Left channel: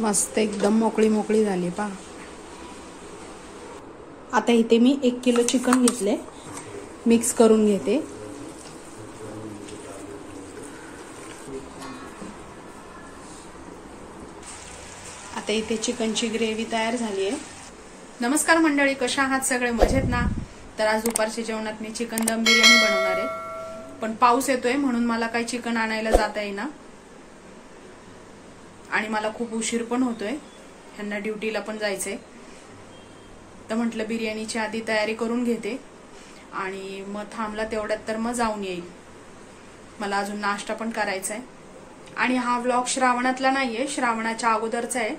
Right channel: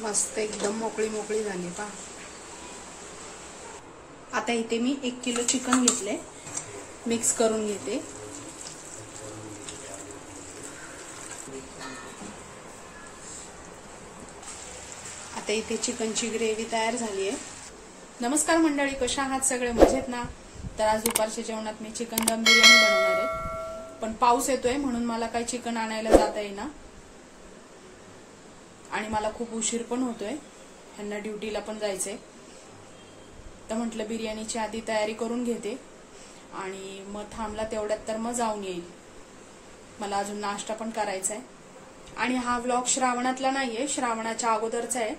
मस्त एकदम मोकळी मोकळी झाली पहा। आता इथे मी 1 किलो चिकन घेतले, मिक्स करून घेते। आता इथे चिकनची ग्रेव्ही तयार झाली आहे। नमस्कार मंडळी, कशा आहात सगळे? मजेत ना? तर आज दुपारच्या जेवणात मी चिकन दम बिर्याणी बनवणार आहे, पण पाऊस येतोय म्हणून मला काही चिकन आणायला जाता येईना आणि मला खूप उशीर पण होतोय, ह्यांना ड्युटीला पण जायचंय। तर म्हटलं बिर्याणीची आधी तयारी करून घेते आणि मग थांबला तेवढ्यात तर मग जाऊन येईल। मला अजून नाश्ता पण करायचा आहे आणि हा व्लॉग श्रावणातला नाहीये, श्रावणाच्या अगोदरचा आहे,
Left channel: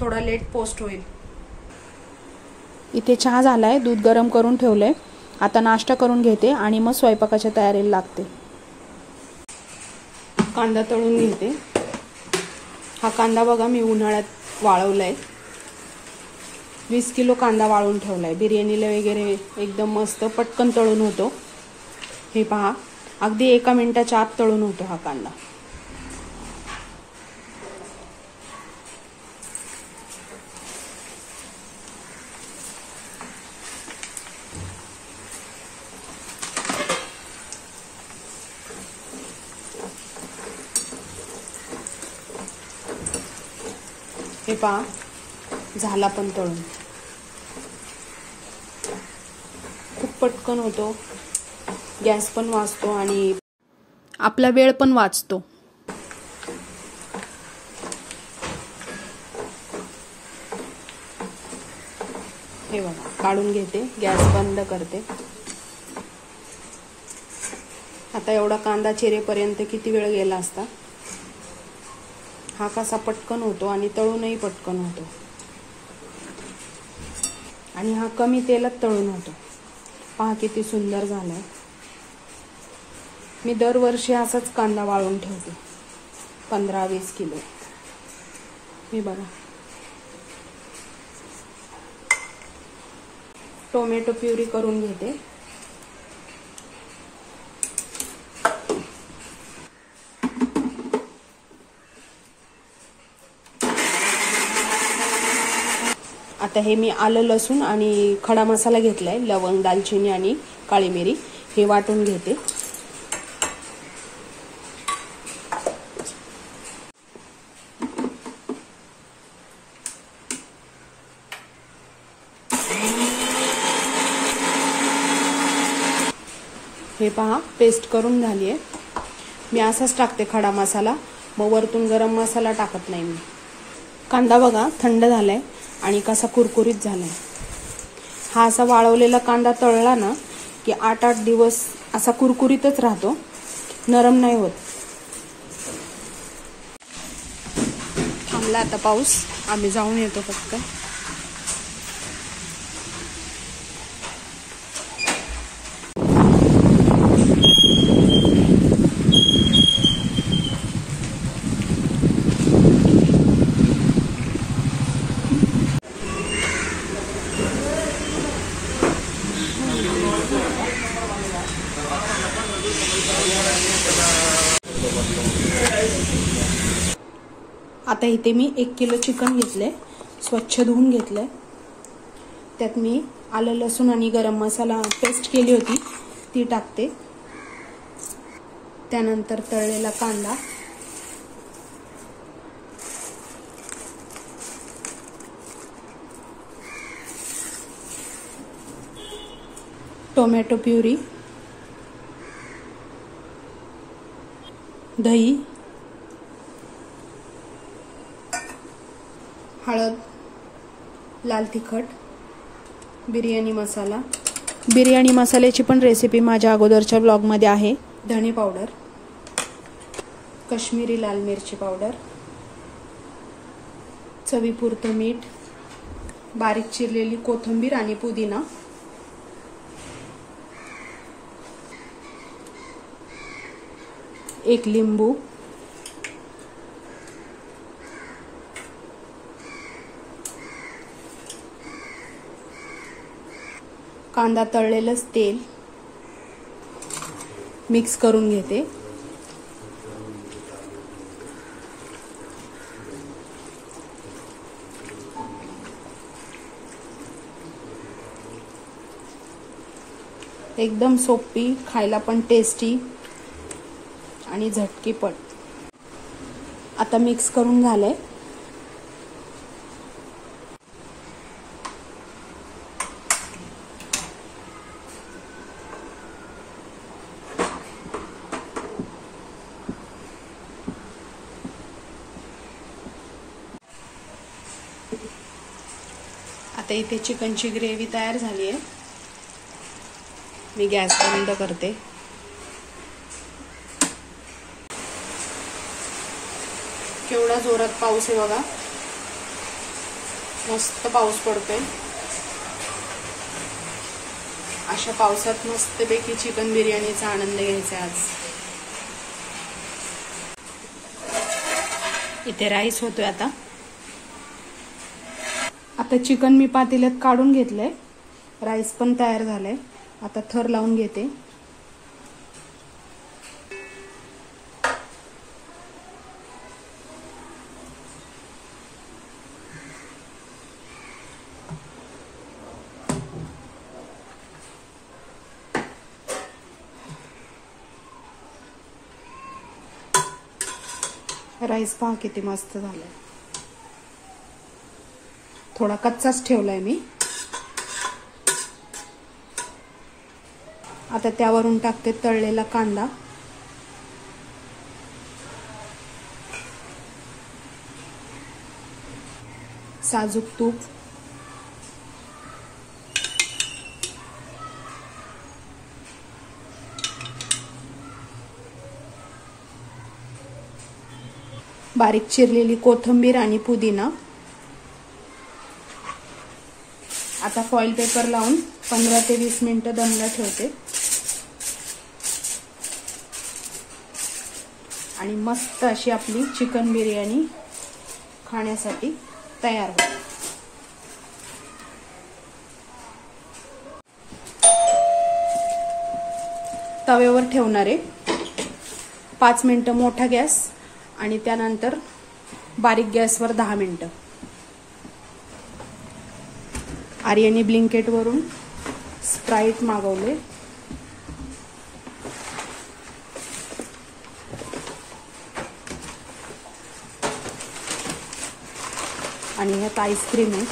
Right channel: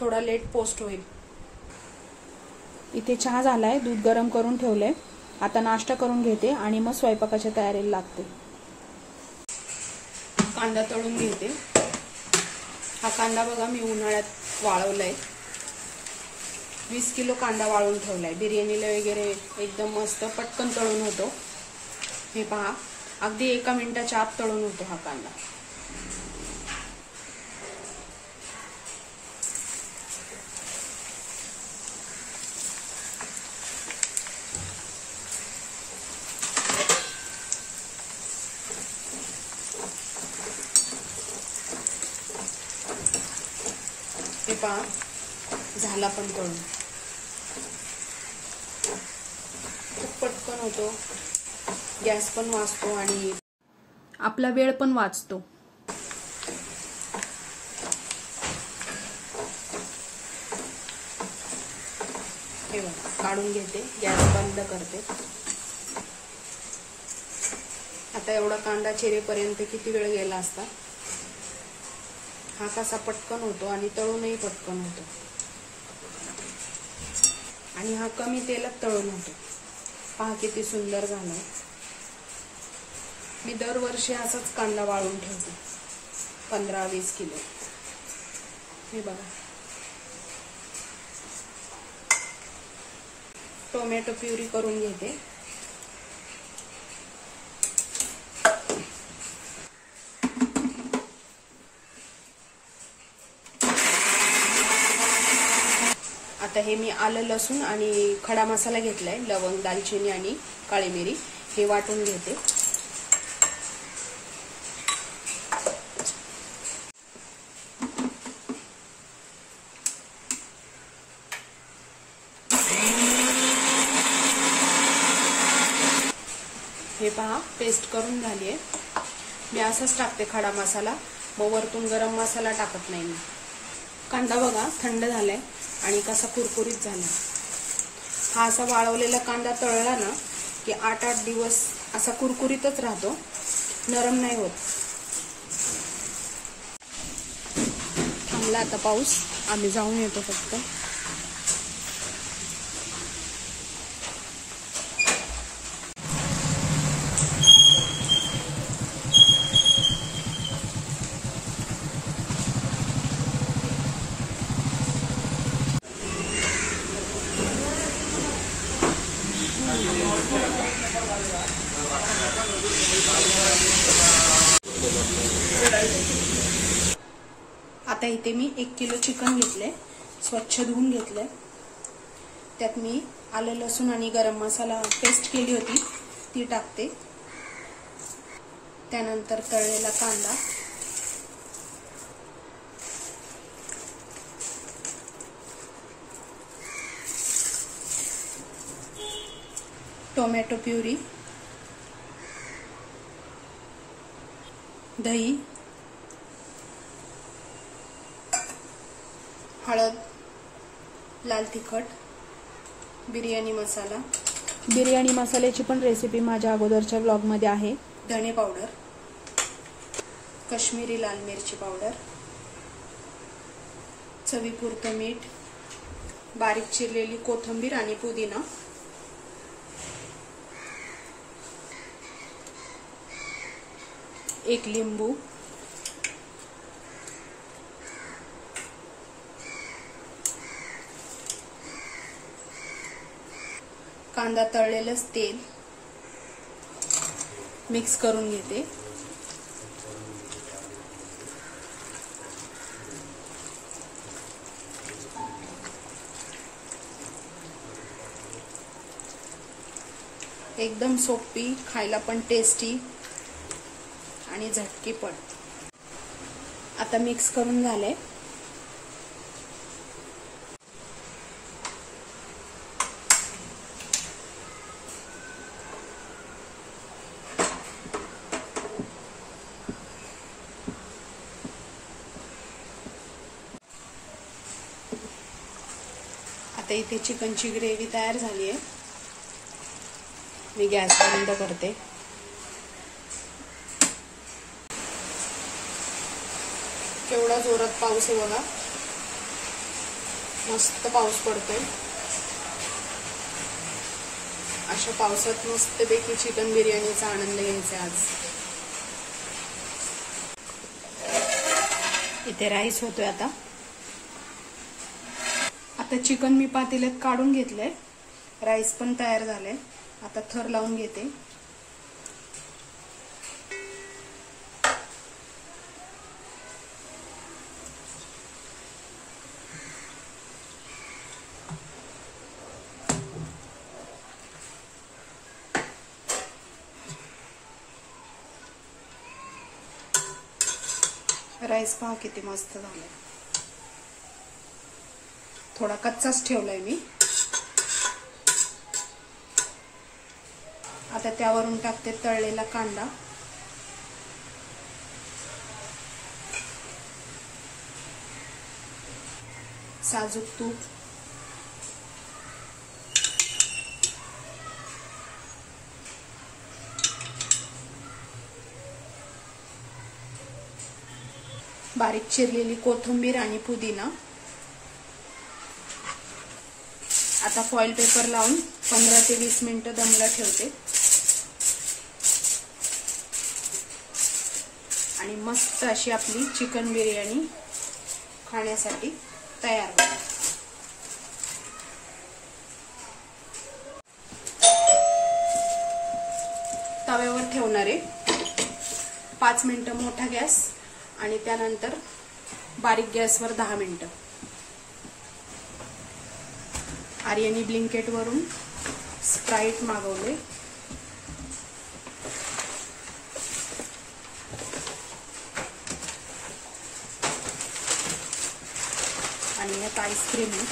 थोडा लेट पोस्ट होईल। इथे चहा झालाय, दूध गरम करून ठेवलंय। आता नाश्ता करून घेते आणि मग स्वयंपाकाच्या तयारीला लागते। कांदा तळून घेते। हा कांदा बघा मी उन्हाळ्यात वाळवलाय, 20 किलो कांदा वाळून ठेवलाय। बिर्याणीला वगैरे एकदम मस्त पटकन तळून होतो। हे पहा, अगदी 1 मिनिटाच्या आत तळून होतो हा कांदा। हे पहा, झाला पण तळून। खूप पटकन होतो, गॅस पण वाचतो आणि आपला वेळ पण वाचतो। हे बघा, काढून घेते, गॅस बंद करते। आता एवढा कांदा चिरेपर्यंत किती वेळ गेला असता। हा कसा पटकन होतो आणि तळूनही पटकन होतो आणि हा कमी तेलात तळून होतो। पहा किती सुंदर झालाय। मी दरवर्षी असाच कांदा वाळून ठेवते, 15-20 किलो। मी बघा, टोमॅटो प्युरी करून घेते। आता हे मी आलं लसूण आणि खडा मसाला घेतलाय, लवंग, दालचिनी आणि काळी मिरी, हे वाटून घेते। हे पहा, पेस्ट करून झाली आहे। मी असाच टाकते खडा मसाला, मग वरतून गरम मसाला टाकत नाही मी। कांदा बघा थंड झालाय आणि कसा कुरकुरीत झालाय। हा असा वाळवलेला कांदा तळला ना की 8-8 दिवस असा कुरकुरीतच राहतो, नरम नाही होत। थांबला आता पाऊस, आम्ही जाऊन येतो फक्त। आता इथे मी 1 किलो चिकन घेतले, स्वच्छ धुवून घेतलंय। त्यात मी आलं लसूण आणि गरम मसाला पेस्ट केली होती ती टाकते। त्यानंतर तळलेला कांदा, टोमॅटो प्युरी, दही, हळद, लाल तिखट, बिर्याणी मसाला। बिर्याणी मसाल्याची पण रेसिपी माझ्या अगोदरच्या ब्लॉगमध्ये आहे। धणे पावडर, काश्मीरी लाल मिरची पावडर, चवीपुरतं मीठ, बारीक चिरलेली कोथिंबीर आणि पुदिना, एक लिंबू, कांदा तळलेलंच तेल मिक्स करून घेते। एकदम सोपी, खायला पण टेस्टी आणि झटकीपट. आता मिक्स करून झालंय. आता इथे चिकनची ग्रेव्ही तयार झाली आहे. मी गॅस बंद करते. केवढा जोरात पाऊस आहे बघा. मस्त पाऊस पडतोय. अशा पावसात मस्तपैकी चिकन बिर्याणीचा आनंद घ्यायचा आज. इथे राईस होतोय. आता चिकन मी पातेल्यात काढून घेतलंय. राईस पण तयार झालाय. आता थर लावून घेते. राईस पहा किती मस्त झालाय. थोडा कच्चाच ठेवलाय मी. आता त्यावरून टाकते तळलेला कांदा, साजूक तूप, बारीक चिरलेली कोथिंबीर आणि पुदिना. आता फॉइल पेपर लावून 15 ते 20 मिनिटं दमला ठेवते आणि मस्त अशी आपली चिकन बिर्याणी खाण्यासाठी तयार होते. तव्यावर ठेवणार आहे. 5 मिनिटं मोठा गॅस आणि त्यानंतर बारीक गॅसवर 10 मिनिटं. आर्याने ब्लिंकेट वरून स्प्राइट मागवले. आणि ह्यात आईस्क्रीम आहे.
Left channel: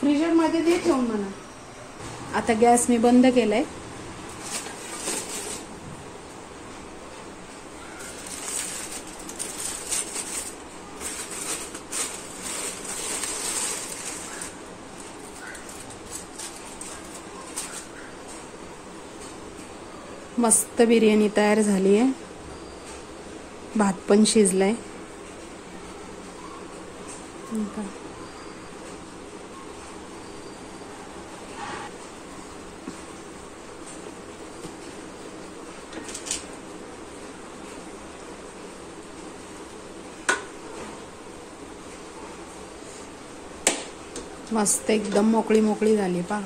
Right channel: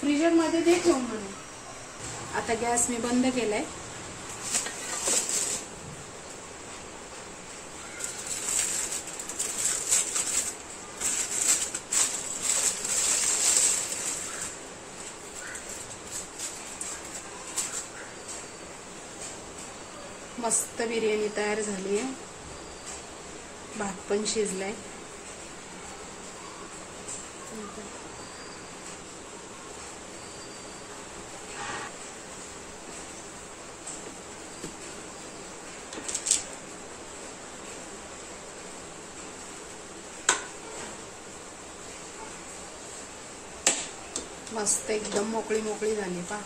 फ्रीजर मध्ये दे ठेवून म्हणा. आता गॅस मी बंद केलाय. मस्त बिर्याणी तयार झाली आहे. भात पण शिजलाय. मस्त एकदम मोकळी मोकळी झाली पहा.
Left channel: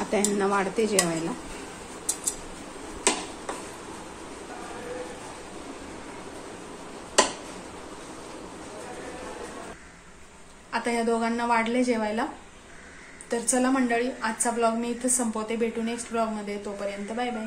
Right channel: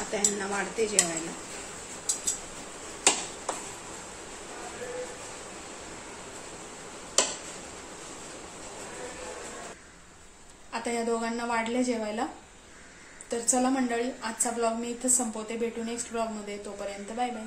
आता यांना वाढते जेवायला. आता या दोघांना वाढले जेवायला. तर चला मंडळी, आजचा ब्लॉग मी इथेच संपवते. भेटू नेक्स्ट ब्लॉग मध्ये. तोपर्यंत बाय बाय.